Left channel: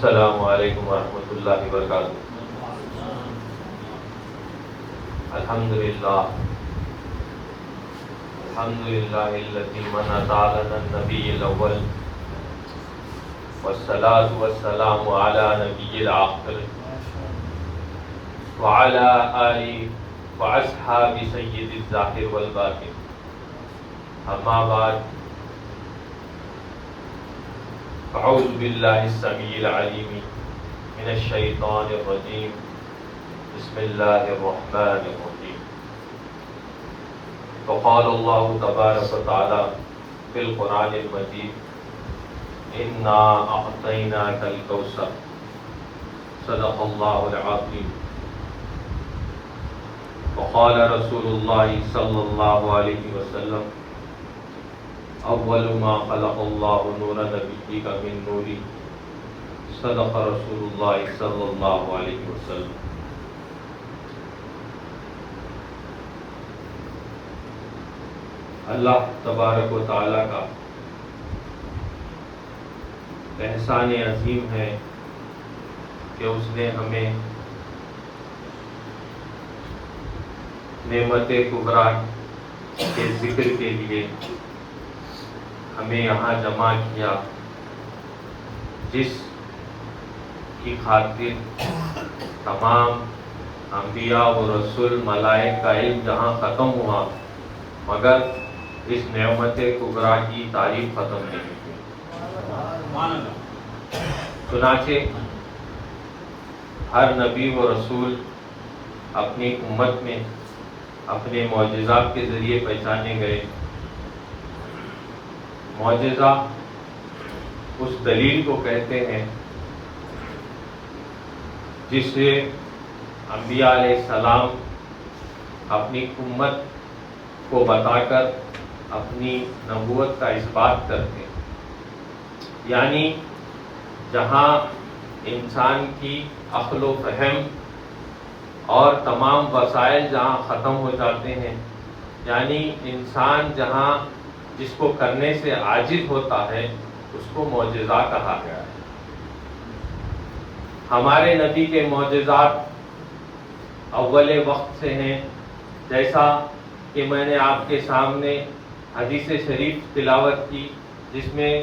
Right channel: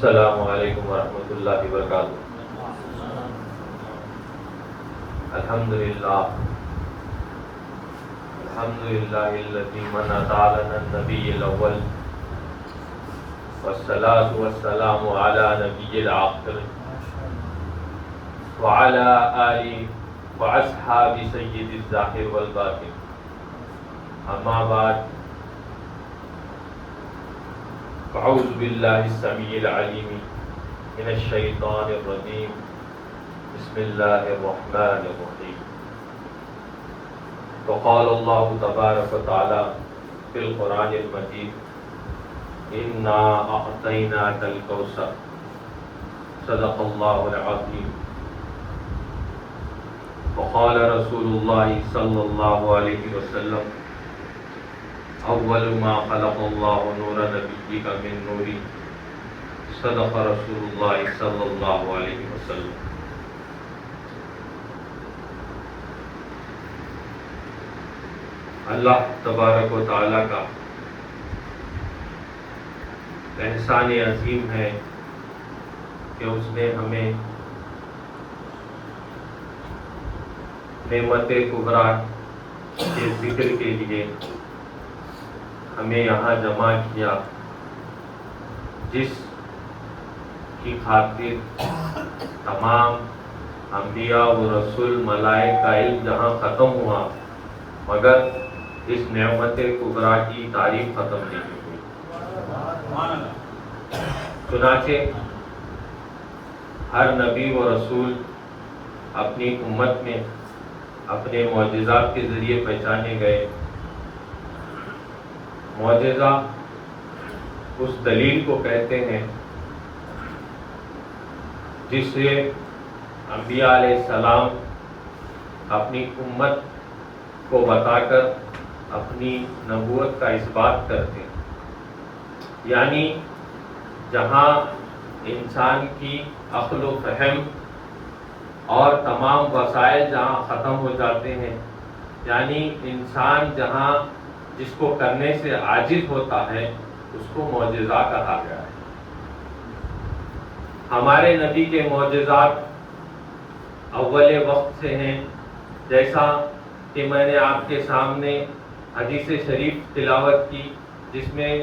السلام علیکم ورحمۃ اللہ وبرکاتہ۔ الحمدللہ الذی من اطالنا النبی الاول والصلاة والسلام علی نبی الآخر وعلی آلہ واصحاب سید الظاہر والباطن، اما بعد، اعوذ باللہ السمیع العلیم من الشیطان الرجیم، بسم اللہ الرحمن الرحیم۔ وقال اللہ تبارک وتعالی فی القرآن المجید انا اعطیناک الکوثر، صدق اللہ العظیم۔ وقال رسول اللہ صلی اللہ علیہ وسلم اول ما خلق اللہ نور نبیک من نوری، صدق رسول اللہ صلی اللہ علیہ وسلم۔ اللہ تبارک و تعالیٰ کا احسان عظیم ہے کہ اس نے ہمیں نعمت کبریٰ کے ذکر کے لیے ہمیں یہاں جمع کیا، جس کی خاطر تمام انبیاء و رسول ملائک کا علم جہاں ختم ہوا، مگر اس نعمت کبریٰ کی تعریف ختم نہیں ہوئی۔ چنانچہ ہر نبی و رسول اپنی امت میں اپنے معجزات کے ذریعے پہچانے گئے۔ معجزہ اس دلیل کو کہتے ہیں جس سے انبیاء علیہ السلام اپنی امت کو بتا کر اپنی نبوت کا اثبات کرتے ہیں۔ یعنی جہاں انسان کی عقل و فہم اور تمام وسائل جہاں ختم ہو جاتے ہیں، یعنی انسان جہاں جس کو کرنے سے عاجز ہوتا ہے، اس کو معجزہ کہا گیا ہے۔ ہمارے نبی کے معجزات اول وقت سے ہیں، جیسا کہ میں نے آپ کے سامنے حدیث شریف تلاوت کی، جس میں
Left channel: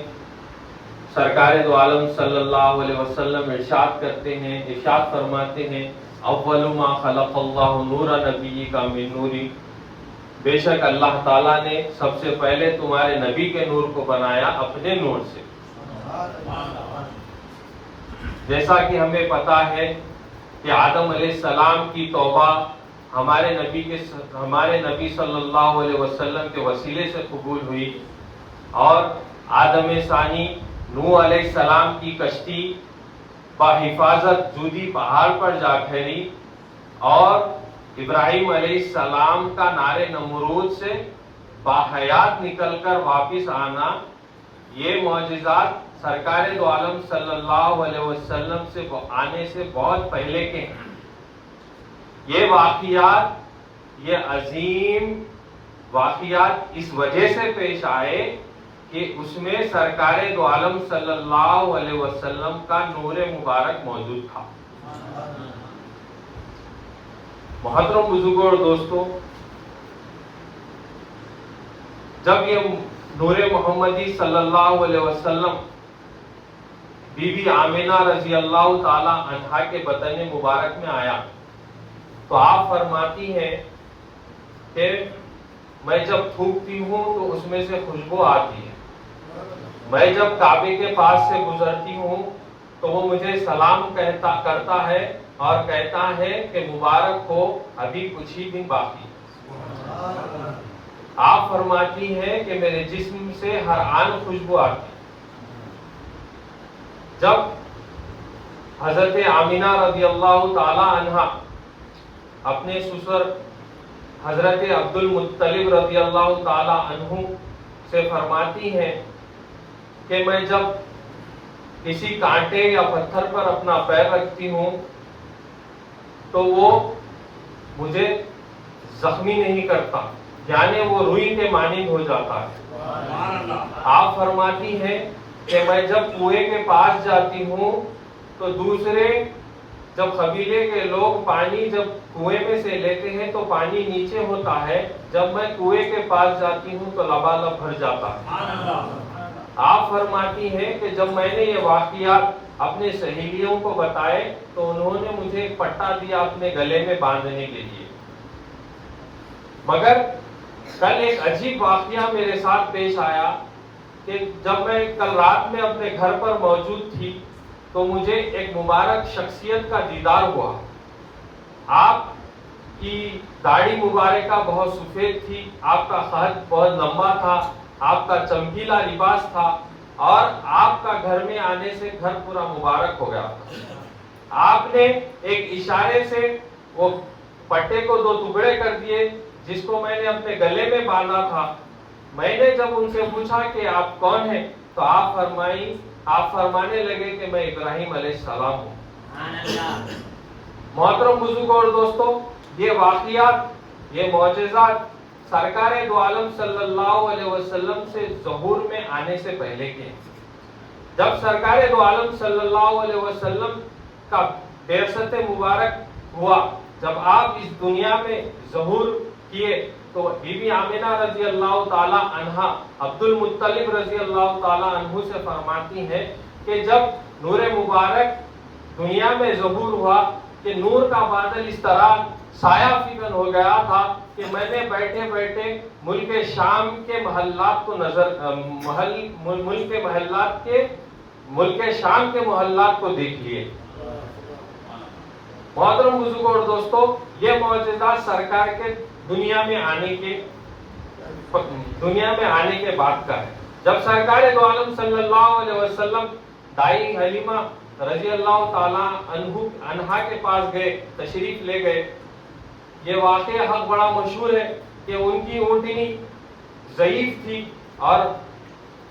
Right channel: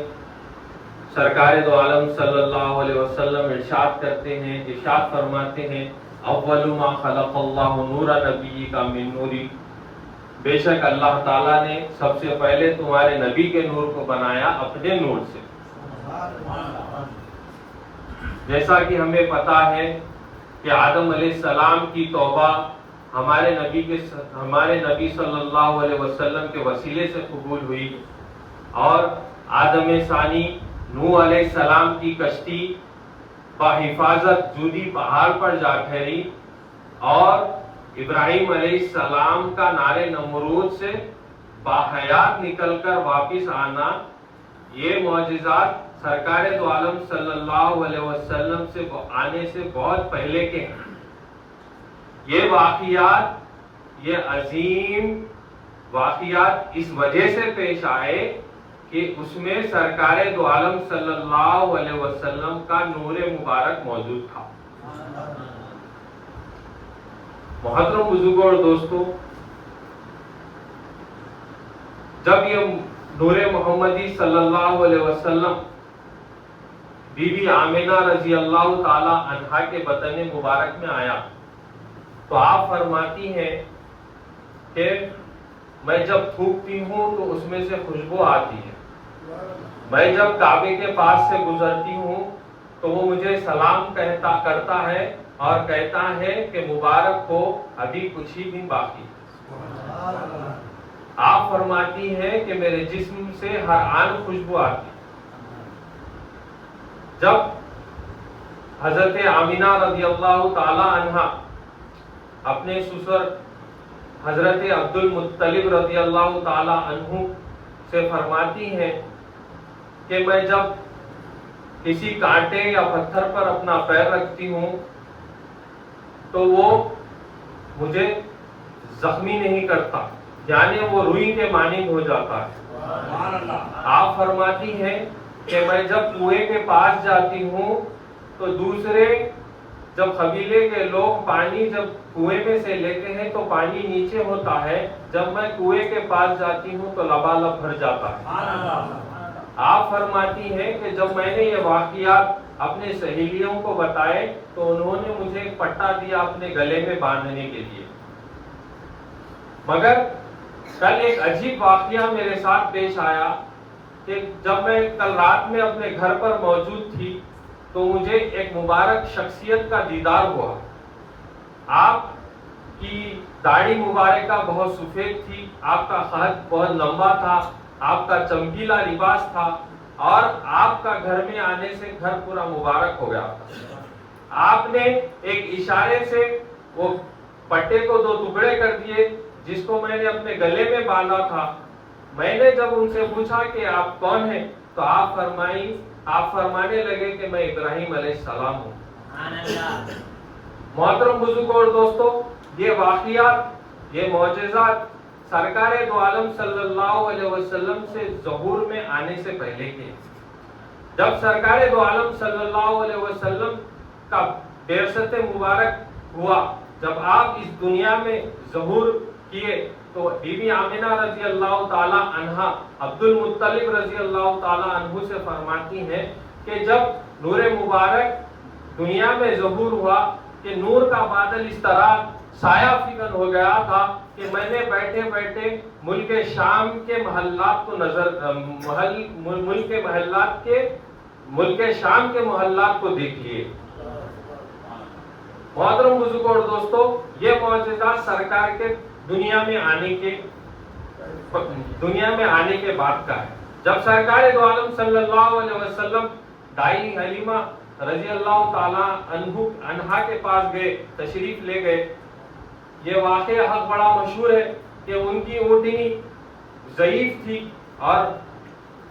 سرکار دو عالم صلی اللہ علیہ وسلم ارشاد کرتے ہیں، ارشاد فرماتے ہیں اول ما خلق اللہ نور نبیک من نوری، بے شک اللہ تعالیٰ نے سب سے پہلے تمہارے نبی کے نور کو بنایا اپنے نور سے۔ جیسا کہ ہمیں پتا ہے کہ آدم علیہ السلام کی توبہ ہمارے نبی صلی اللہ علیہ وسلم کے وسیلے سے قبول ہوئی، اور آدم ثانی نوح علیہ السلام کی کشتی بحفاظت جودی پہاڑ پر جا ٹھہری، اور ابراہیم علیہ السلام کا نار نمرود سے باحیات نکل کر واپس آنا، یہ معجزات سرکار دو عالم صلی اللہ علیہ وسلم سے آنے سے بہت پہلے کے ہیں۔ یہ واقعات، یہ عظیم واقعات اس وجہ سے پیش آئے کہ اس میں سرکار دو عالم صلی اللہ علیہ وسلم کا نور مبارک موجود تھا۔ محترم بزرگوں اور دوستوں، جب یہ نور محمدی صلی اللہ علیہ وسلم بی بی آمنہ رضی اللہ تعالی عنہا کے بطن مبارک میں آیا، تو آپ فرماتی ہیں کہ میں جب تھوکتی ہوں تو اس میں سے خوشبو آتی ہے، میں جب کعبے کے پاس سے گزرتی ہوں تو وہ مجھے سلام کرتا ہے اور کہتا ہے کہ مبارک ہو، ابھی کچھ ہی دن باقی ہے۔ آپ فرماتی ہیں کہ میرے جسم سے ہر آن خوشبو آتی ہے۔ جب حضرت آمنہ رضی اللہ تعالی عنہا اپنے سسر حضرت عبد المطلب رضی اللہ تعالی عنہ سے فرماتی ہیں کہ میں جب کسی کانٹے یا پتھر پر اپنا پیر رکھتی ہوں تو وہ مجھے زخمی نہیں کرتا، یعنی وہ روئی کے مانند ہو جاتا ہے۔ آپ فرماتی ہیں کہ میں جب کنویں کے پاس جاتی ہوں تو دوسرے جب قبیلے کے لوگ پانی جب کنویں میں سے لیتے ہیں تو پانی نیچے ہوتا ہے، جب میں کنویں کے پاس جاتی ہوں تو لبالب بھر جاتا ہے۔ آپ فرماتی ہیں کہ جب میں نے یہ واقعات اپنے سہیلیوں کو بتائے تو انہوں نے مجھے ایک پٹا دیا اپنے گلے میں باندھنے کے لیے۔ مگر کل ایک عجیب واقعہ میرے ساتھ پیش آیا کہ جب میں کل رات میں اپنے گھر پر موجود تھی تو مجھے ایک مبارک شخصیت کا دیدار ہوا۔ آپ کی داڑھی مبارکہ بہت سفید تھی، آپ کا قد بہت لمبا تھا، آپ کا چمکیلا لباس تھا، اور آپ کا گھر میں آنے سے گھر پورا مبارک ہو گیا تھا۔ آپ نے ایک اشارے سے وہ پٹے کو دو ٹکڑے کر دیے جس کو میں نے اپنے گلے میں باندھا تھا۔ میں نے جب ان سے پوچھا کہ آپ کون ہیں تو آپ فرمانے لگے کہ میں ابراہیم علیہ السلام ہوں۔ محترم بزرگوں اور دوستو، یہ واقعات، یہ معجزات سرکار دو عالم صلی اللہ علیہ وسلم سے ظہور میں آنے سے پہلے کے۔ جب سرکار دو عالم صلی اللہ علیہ وسلم کا بعثت مبارک ہوا، جب آپ اس دنیا میں ظہور کیے تو بی بی آمنہ رضی اللہ تعالی عنہا عبد المطلب رضی اللہ تعالی عنہ سے فرماتی ہیں کہ جب نور مبارک دنیا میں ظہور ہوا کہ نور کا بادل اس طرح سایہ فکن ہو گیا تھا کہ میں نے بیٹھے بیٹھے ملک شام کے محلات کو ملک شام کے محلات کو دیکھ لیے۔ محترم بزرگوں اور دوستو، یہ معجزات سرکار کے دنیا میں آنے کے بعد کا ہے۔ جب سرکار دو عالم صلی اللہ علیہ وسلم دائی حلیمہ رضی اللہ تعالی عنہا کے پاس گئے، تشریف لے گئے، یہ واقعہ حق بڑا مشہور ہے کہ ان کی اونٹنی ضعیف تھی اور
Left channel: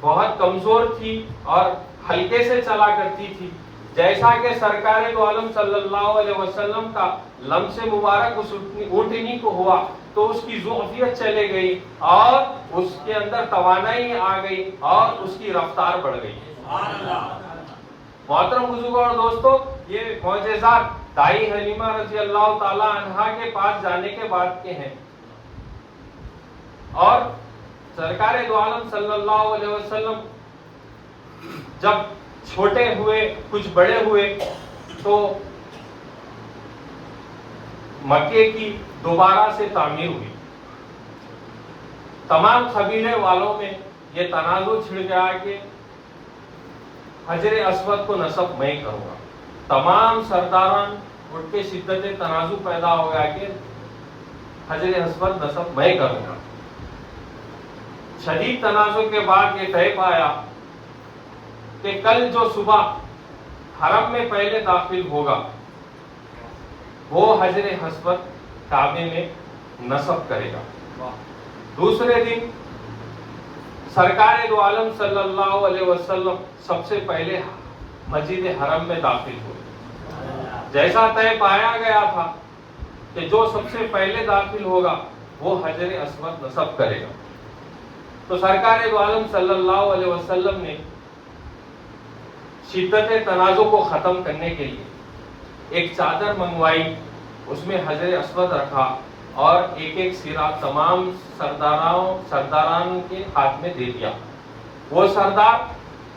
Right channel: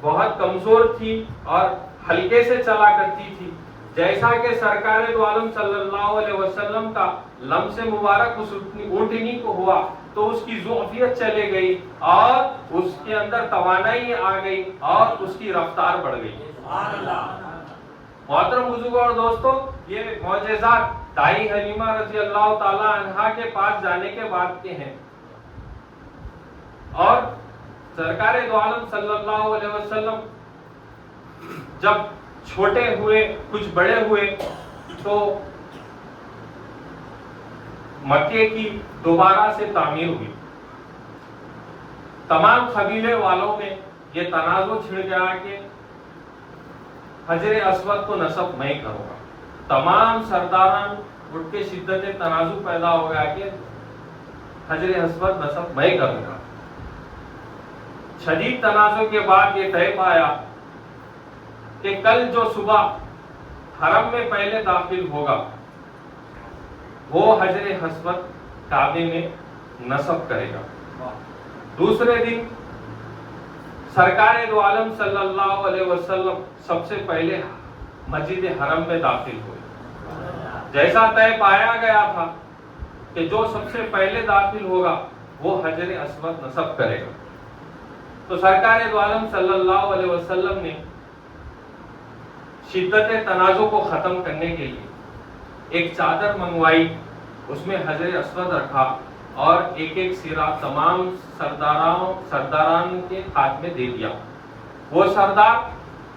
بہت کمزور تھی اور ہلکے سے چلا کرتی تھی۔ جیسا کہ سرکار دو عالم صلی اللہ علیہ وسلم کا لمس مبارک اس اونٹنی کو ہوا تو اس کی ضعفیت چلے گئی اور اس کے اندر توانائی آ گئی اور اس کی رفتار بڑھ گئی۔ محترم بزرگوں اور دوستو، یہ معجزات دائی حلیمہ رضی اللہ تعالی عنہا کے پاس جانے کے بعد کے ہیں، اور سرکار دو عالم صلی اللہ علیہ وسلم جب چھوٹے ہوئے، کچھ بڑے ہوئے، تو مکے کی دوبارہ سے تعمیر ہوئی۔ تمام قبیلے والوں میں یہ تنازع چھڑ گیا کہ حجر اسود کو نصب میں کروں گا۔ تمام سرداران اٹھ کے شدت تنازع پیدا ہو گیا کہ حجر اسود نصب میں کروں گا۔ شدید تنازع کے بعد یہ طے پایا کہ کل جو صبح حرم میں پہلے داخل ہوگا وہ حجر اسود کعبے میں نصب کرے گا۔ دوسرے دن سرکار دو عالم صلی اللہ علیہ وسلم سب سے پہلے مسجد حرم میں داخل ہوئے۔ جیسا طے پایا گیا تھا کہ جو سب سے پہلے داخل ہوگا وہ حجر اسود نصب کرے گا، تو سرکار دو عالم صلی اللہ علیہ وسلم نے شدت تنازع کو ختم کرنے کے لیے ایک چادر منگوائی، اس میں حجر اسود رکھا اور ایک ایک سرا تمام سرداران کے ہاتھ میں دے دیا۔ وہ سردار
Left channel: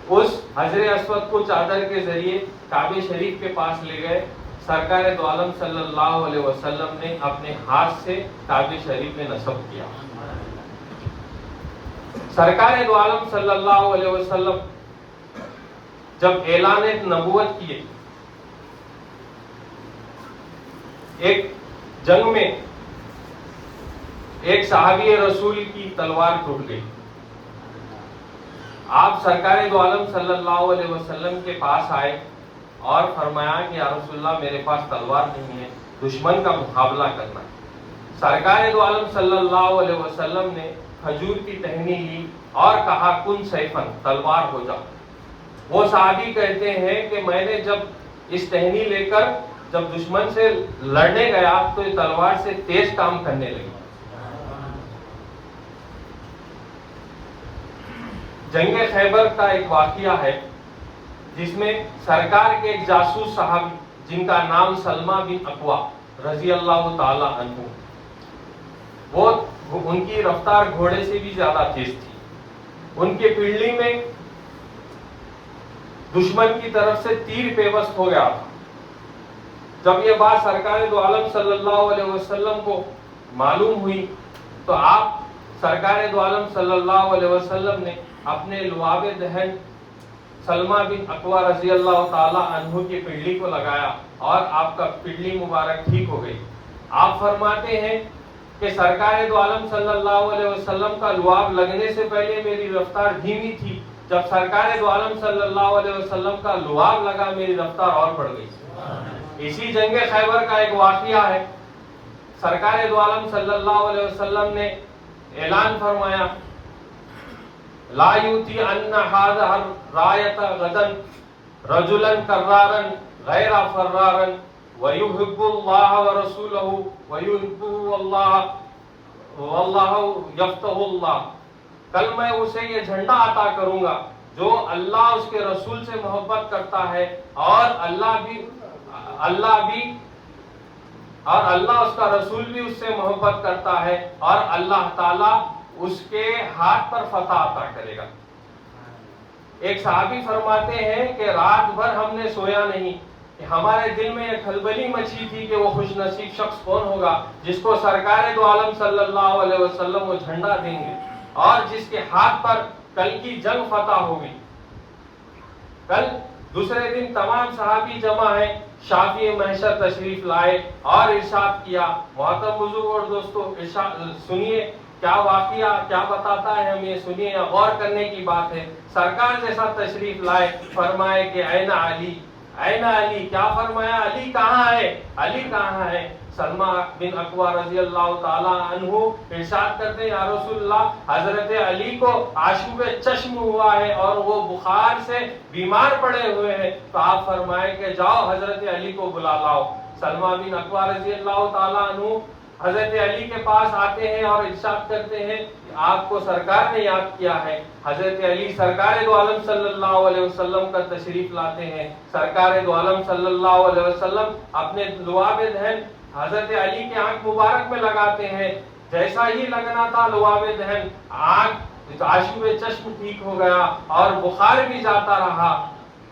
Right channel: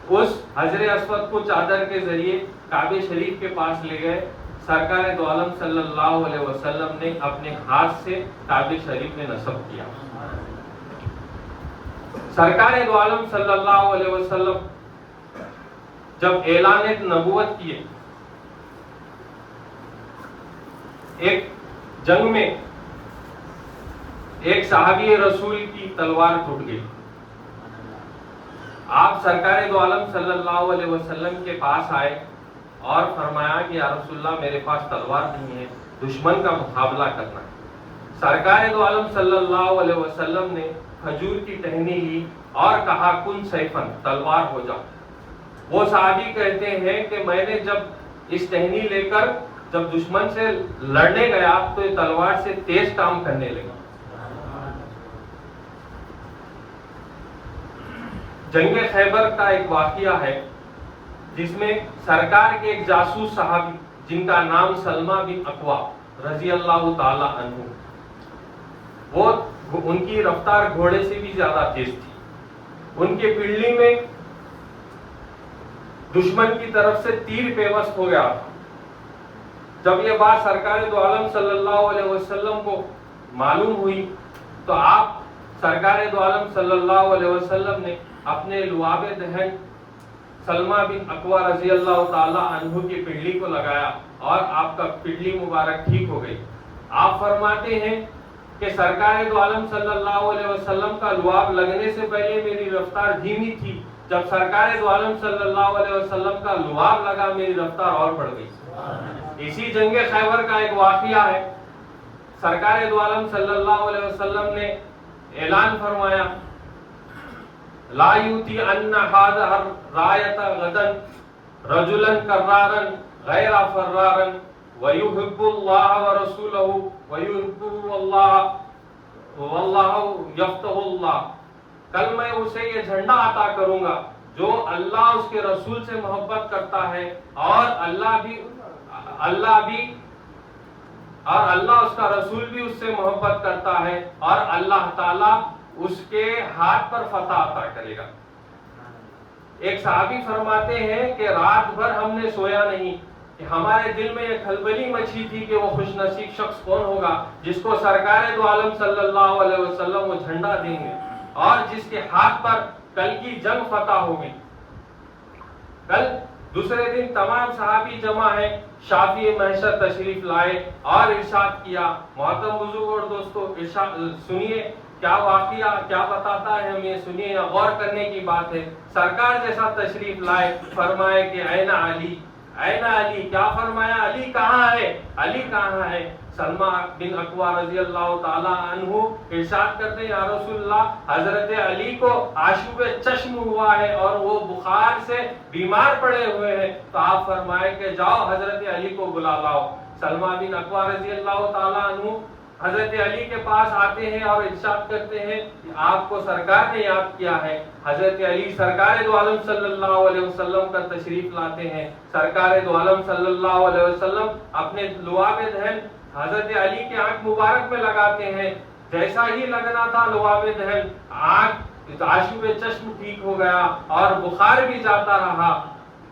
اس حجر اسود کو چادر کے ذریعے کعبہ شریف کے پاس لے گئے۔ سرکار دو عالم صلی اللہ علیہ وسلم نے اپنے ہاتھ سے کعبہ شریف میں نصب کیا۔ سرکار دو عالم صلی اللہ علیہ وسلم جب اعلان نبوت کیے، ایک جنگ میں ایک صحابی رسول کی تلوار ٹوٹ گئی۔ آپ سرکار دو عالم صلی اللہ علیہ وسلم کے پاس آئے اور فرمایا کہ یا رسول اللہ میرے پاس تلوار نہیں ہے، دشمن کا مقابلہ کرنا ہے۔ سرکار دو عالم صلی اللہ علیہ وسلم نے کھجور کی ٹہنی لی اور کہا کن سیفن، تلوار ہو جاؤ۔ وہ صحابی کہتے ہیں کہ میں نے جب اس ٹہنی لے کر جب دشمن سے لڑنے گیا تو یہ تلوار سے تیز کام کرنے لگی۔ جنگ خیبر کا ایک واقعہ ہے جس میں سرکار کے ایک جاسوس صحابی جن کا نام سلمہ بن اکوا رضی اللہ تعالی عنہ، وہ ان کی رفتار گھوڑے سے بھی زیادہ تیز تھی. ان کے پنڈلی میں دشمن کی طرف سے تیر پیوست ہو گیا تھا. جب یہ بات سرکار دو عالم صلی اللہ علیہ وسلم کو معلوم ہوئی تو آپ سرکار دو عالم صلی اللہ علیہ وسلم نے اپنے لعاب دہن سلمہ بن اکوا رضی اللہ تعالی عنہ کی پنڈلی کو لگایا اور آپ کا پنڈلی مبارک ٹھیک ہو گئی. آپ فرماتے ہیں کہ سرکار دو عالم صلی اللہ علیہ وسلم کا لعاب لگنے سے پہلے میری رفتار دھیمی تھی، جب سرکار دو عالم صلی اللہ علیہ وسلم کا لعاب لگا میری رفتار اور بڑھ گئی. اسی جنگ خیبر کا ایک واقعہ ہے. سرکار دو عالم صلی اللہ علیہ وسلم نے اعلان فرمایا لا یوتی ان ھذا الرایۃ غدا رجلا کرارا غیر فرارا ویحب اللہ ورسولہ ویحبہ اللہ واللہ یفتح اللہ. کل میں اسے یہ جھنڈا عطا کروں گا جو اللہ اس کے رسول سے محبت کرتا ہے اور اللہ اس کا رسول بھی اس سے محبت کرتا ہے اور اللہ تعالی اس کے ہاتھ پر فتح عطا کرے گا. ایک صحابی فرماتے ہیں کہ رات بھر ہم نے سویا نہیں کہ ہمارے دل میں یہ کھلبلی مچی تھی کہ وہ خوش نصیب شخص کون ہوگا جس کو سرکار دو عالم صلی اللہ علیہ وسلم وہ جھنڈا دیں گے اور جس کے ہاتھ پر کل کی جنگ فتح ہو گئی. کل دوسرے دن تمام صحابی جمع ہیں، شافی محشر تشریف لائے اور ارشاد کیا. محترم بزرگ اور دوستو، سنیے کیا واقعہ کیا بتاتا ہے، ہم یہ سنیے، غور کرنے کی بات ہے. سرکار جیسا تشریف لائے، فرمائے کہ این علی، این علی. کیا فرمایا؟ علی کہاں ہے، علی کہاں ہے؟ سلمہ بن اکوا رضی اللہ تعالی عنہ ارشاد کرتے ہیں یا رسول اللہ، حضرت علی کو آشوب چشم ہوا ہے اور وہ بخار سے بیمار پڑے ہوئے ہیں. تو آپ فرمائے کہ جاؤ حضرت علی کو بلا لاؤ. سلمہ بن اکوا رضی اللہ تعالی عنہ حضرت علی کے پاس آتے ہیں اور ارشاد کرتے ہیں کہ آپ کو سرکار نے یاد کیا ہے. حضرت علی سرکار دو عالم صلی اللہ علیہ وسلم کا تشریف لاتے ہیں. سرکار دو عالم صلی اللہ علیہ وسلم اپنے لعاب دہن حضرت علی کے آنکھ مبارک میں لگاتے ہیں. جیسا ہی لگنا تھا لعاب دہن، آنکھ آشوب چشم ٹھیک ہو گیا اور بخار بھی جاتا رہا.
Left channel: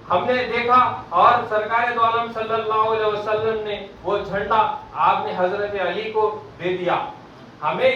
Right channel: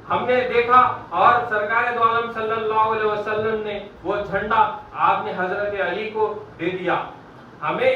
ہم نے دیکھا اور سرکار دو عالم صلی اللہ علیہ وسلم نے وہ جھنڈا آپ نے حضرت علی کو دے دیا. ہمیں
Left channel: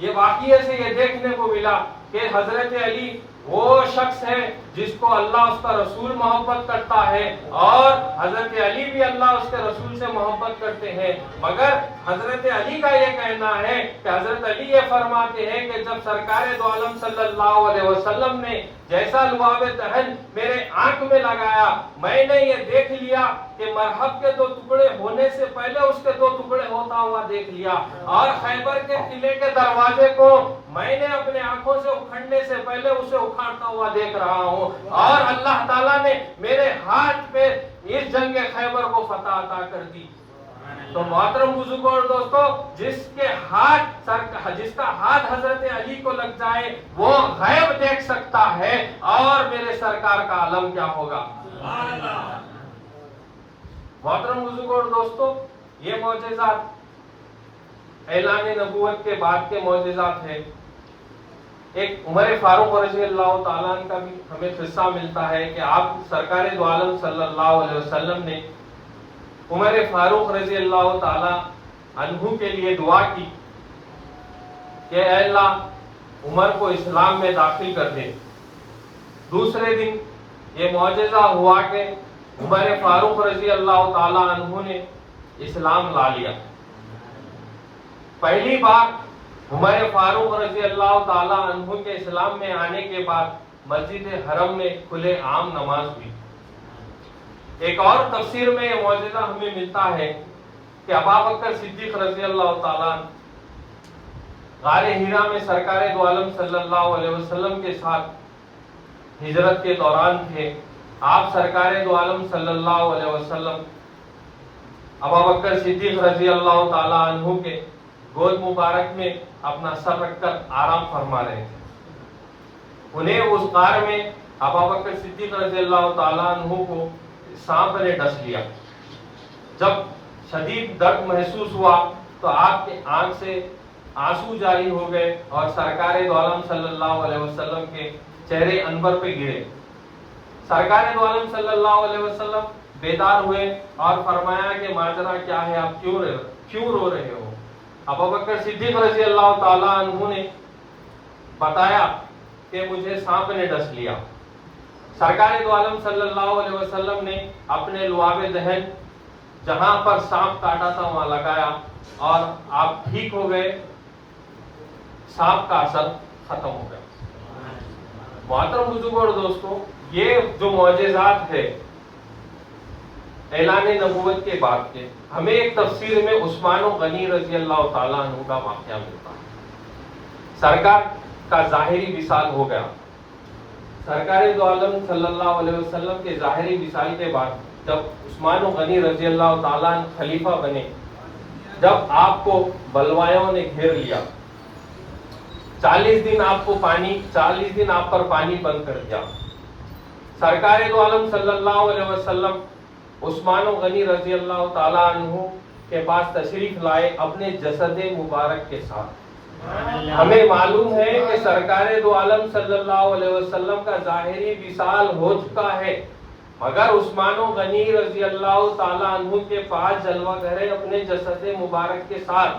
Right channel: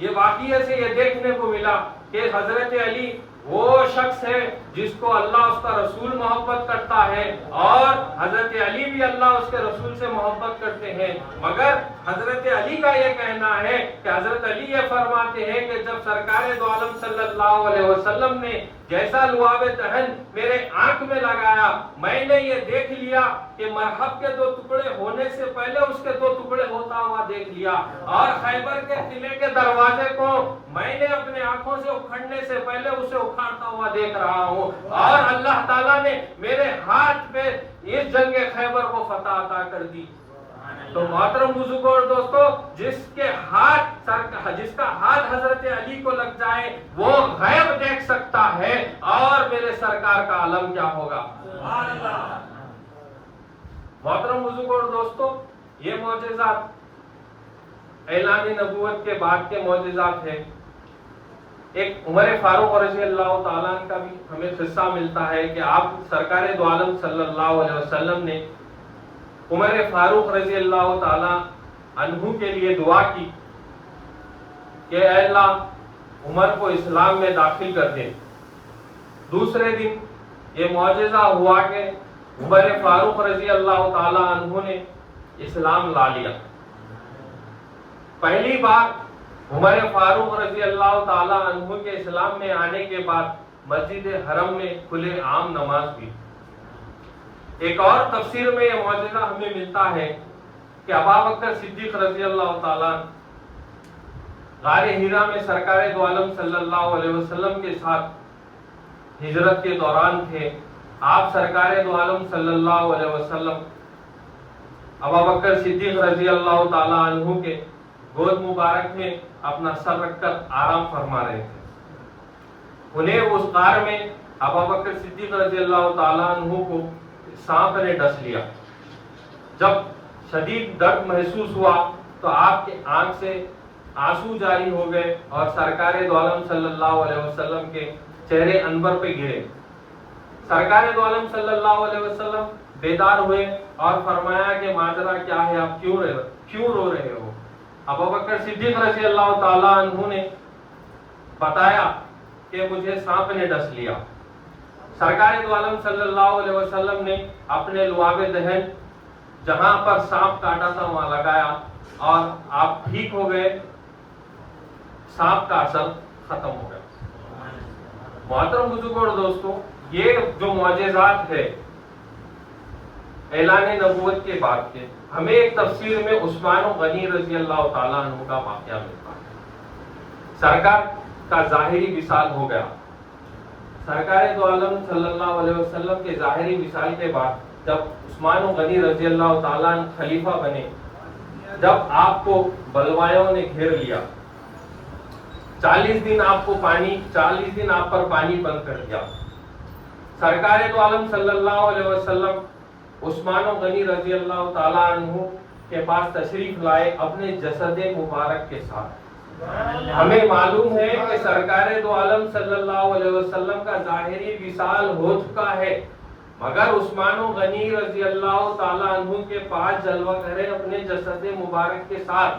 یہ واقعے سے یہ دیکھنے کو ملا کہ حضرت علی وہ شخص ہے جس کو اللہ اس کا رسول محبت کرتا ہے اور حضرت علی بھی اللہ اس کے رسول سے محبت کرتے ہیں. مگر حضرت علی کا یہ کہنا ہے کہ حضرت علی یہ فرماتے ہیں کہ جب سرکار دو عالم صلی اللہ علیہ وسلم نے جیسا لعاب دہن میرے آنکھ میں لگایا، میں نے یہ دیکھ لیا کہ مرحب کے 2 ٹکڑے ہونے سے پہلے اس کے 2 ٹکڑے ہوتا ہوا دیکھ لیا اور خیبر کے قلعے کے دروازے کو میں نے اپنے آنکھوں سے اکھڑنے سے پہلے اسے اکھاڑتا ہوا دیکھ رہا ہوں اور اللہ تعالیٰ نے میرے ہاتھ پہ اس جنگ خیبر کو فتح عطا کر دی. تو محترم بزرگوں اور دوستو، جس کا ہاتھ حضرت علی کو لگ جائے وہ غیب دیکھ سکتا ہے اور میرے سرکار کا عالم کیا ہوگا. محترم بزرگوں اور دوستو، یہ معجزات اعلان نبوت کے بعد کے معجزات ہیں. ایک عمر فاروق رضی اللہ تعالیٰ عنہ کا بھی ہمیں قصہ ملتا ہے کہ آپ سرکار دو عالم صلی اللہ علیہ وسلم نے عمر فاروق رضی اللہ تعالی عنہ کے لیے دعا کی کہ اے اللہ عمر کو اسلام میں داخل کر دے. دوسرے دن یہ معجزہ ہوا کہ عمر فاروق رضی اللہ تعالی عنہ نے اسلام لا لیا. پہلی بار عمر فاروق رضی اللہ تعالی عنہ کے اسلام میں آنے کے بعد مسجد حرم میں کھلے عام نماز ہوئی. ایک اور تفسیر میں یہ معجزہ ہمیں ملتا ہے کہ ابوبکر صدیق رضی اللہ تعالیٰ غار حرا میں سرکار دو عالم صلی اللہ علیہ وسلم کے ساتھ ہجرت کے دوران تھے. آپ سرکار دو عالم صلی اللہ علیہ وسلم ابوبکر صدیق رضی اللہ تعالیٰ عنہ کے گود مبارک میں اپنا سر رکھ کر آرام فرما رہے تھے. انہیں اس غار میں ابوبکر صدیق رضی اللہ تعالیٰ عنہ کو سانپ نے ڈس لیا. جب شدید درد محسوس ہوا تو آپ کے آنکھ سے آنسو جاری ہو گئے اور سرکار دو عالم صلی اللہ علیہ وسلم کے چہرے انور پہ گرے. سرکار دو عالم صلی اللہ علیہ وسلم بیدار ہوئے اور فرمایا کہ ماجرا کیا ہے, آپ کیوں رو رہے ہو؟ ابوبکر صدیق رضی اللہ تعالیٰ عنہ نے بتایا کہ مجھے سانپ نے ڈس لیا. سرکار دو عالم صلی اللہ علیہ وسلم نے اپنے لعاب دہن جہاں پر سانپ کاٹا تھا وہاں لگایا اور آپ ٹھیک ہو گئے, سانپ کا اثر ختم ہو گیا. محترم بزرگوں اور دوستوں, یہ جو معجزات ہے اعلان نبوت کے بعد کے, ہمیں ایک تفسیر میں عثمان غنی رضی اللہ تعالیٰ عنہ کا واقعہ ملتا ہے. سرکار کا ظاہری وصال ہو گیا. سرکار دو عالم صلی اللہ علیہ وسلم کے ظاہری وصال کے بعد جب عثمان غنی رضی اللہ تعالیٰ عنہ خلیفہ بنے, جب آپ کو بلوایوں نے گھیر لیا, 40 دن آپ پر پانی بند کر دیا. سرکار دو عالم صلی اللہ علیہ وسلم عثمان غنی رضی اللہ تعالیٰ عنہ کے پاس تشریف لائے اپنے جسد مبارک کے ساتھ. ہمیں معلوم ہے کہ سرکار دو عالم صلی اللہ علیہ وسلم کا ظاہری وصال ہو چکا ہے, مگر عثمان غنی رضی اللہ تعالیٰ عنہ کے پاس جلوہ کرے اپنے جسد مبارک کے ساتھ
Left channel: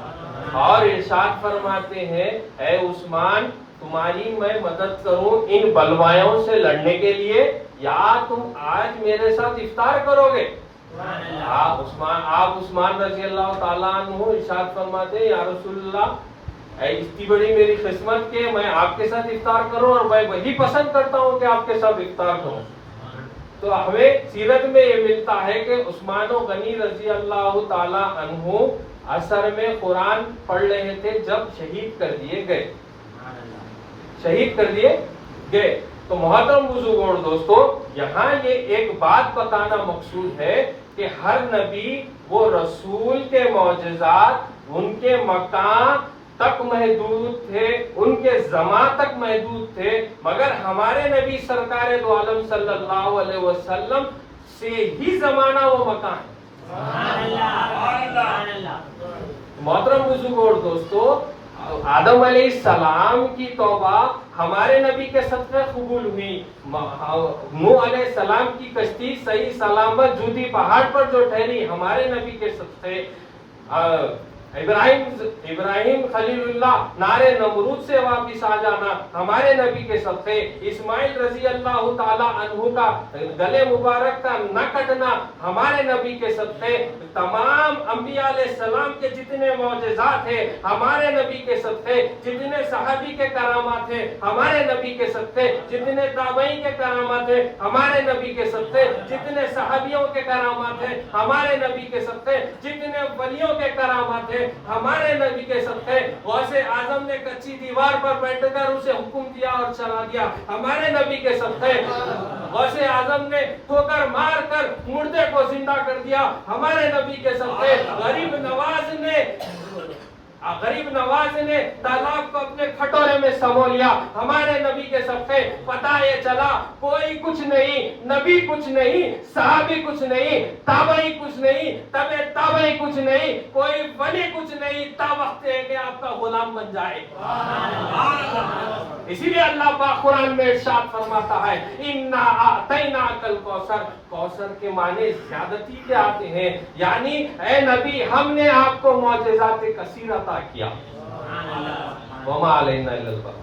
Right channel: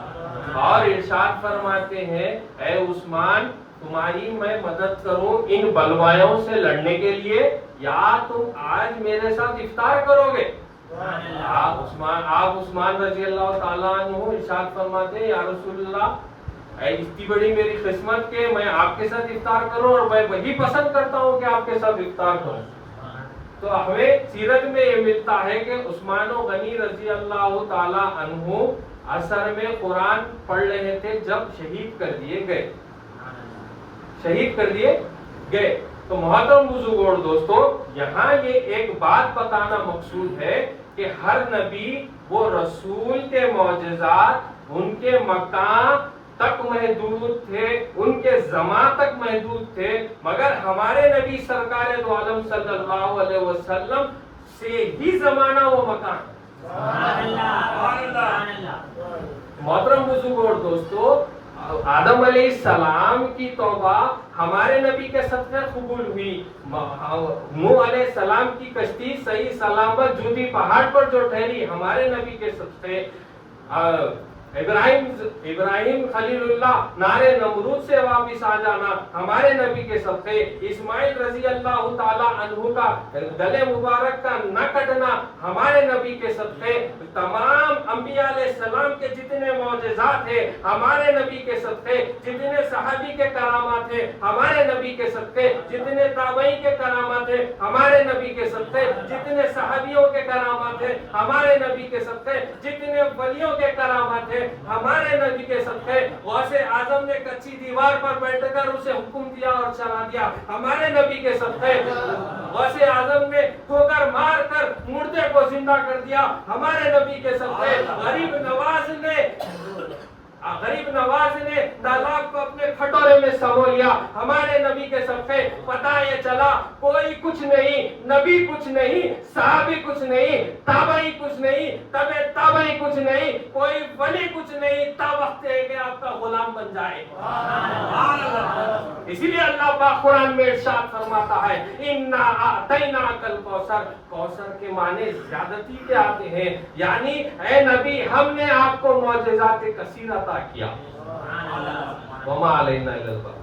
اور ارشاد فرماتے ہیں, اے عثمان, تمہاری میں مدد کروں ان بلوایوں سے لڑنے کے لیے, یا تم آج میرے ساتھ افطار کرو گے؟ آپ عثمان رضی اللہ تعالیٰ عنہ ارشاد فرماتے ہیں, یا رسول اللہ, اتنی بڑی میری قسمت کہ میں آپ کے ساتھ افطار کروں اور میں وہی پسند کرتا ہوں کہ آپ کے ساتھ افطار کروں. تو ہمیں سیرت میں یہ ملتا ہے کہ عثمان غنی رضی اللہ تعالیٰ عنہ اثر میں قرآن پڑھ رہے تھے جب شہید کر دیے گئے. تو محترم بزرگوں اور دوستوں, یہاں یہ ایک بات بتانا مقصود ہے کہ ہر نبی وہ رسول کے معجزات ان کے مقام تک محدود تھے, ان کے زمان تک محدود تھے, مگر ہمارے نبی سرکار دو عالم صلی اللہ علیہ وسلم سے ہی زمانہ وہ مکان. محترم بزرگوں اور دوستوں, آدم علیہ السلام کی توبہ ہمارے نبی کے صدقے قبول ہوئی. نوح علیہ السلام کی کشتی صحیح سلامت جوتی پہاڑ پر جو ٹھہری ہمارے نبی کے صدقے. ابراہیم خلیل اللہ نارے نمرود سے واپس آ جانا ہمارے نبی کے صدقے. اسماعیل رضی اللہ تعالیٰ عنہ کا گلے مبارک کا نہ کٹنا ہمارے نبی کے صدقے. تمام انبیاء علیہ السلام کے جتنے معجزات ہیں ہمارے نبی کے صدقے, جتنے صحابی کے کرامات ہیں ہمارے نبی کے صدقے, جتنے تابعین کے کرامات ہیں ہمارے نبی کے صدقے, جتنے صحابیوں کے کرامات ہیں ہمارے نبی کے صدقے, جتنے ولیوں کے کرامات ہیں ہمارے نبی کے صدقے. غوث اعظم نے کچی دیوار پر بیٹھ کر اسے حکم دیا اور چلا دیا ہمارے نبی کے صدقے. غوث اعظم نے ٹھوکر مار کر مردے کو زندہ کر دیا ہمارے نبی کے صدقے. غریب نواز نے تالاب کو اپنے کھٹورے میں سمو لیا ہمارے نبی کے صدقے. پتہ یہ چلا کوئی کچھ نہیں, نبی کچھ نہیں, صحابی کچھ نہیں, تابعی کچھ نہیں, تبع تابعی کچھ نہیں, کوئی ولی کچھ نہیں, تا وقت ہے کہ آپ کا غلام بن جائے. اسی لیے اللہ پاک قرآن میں ارشاد فرماتا ہے, اِنَّا أَعْطَيْنَاكَ الْكَوْثَرَ. کوثر کے معنی زیادتی کے آتے ہیں, یعنی اے نبی ہم نے آپ کو معجزات کثیر عطا کیا. وَمَا عَلَيْنَا إِلَّا الْبَلَاغُ.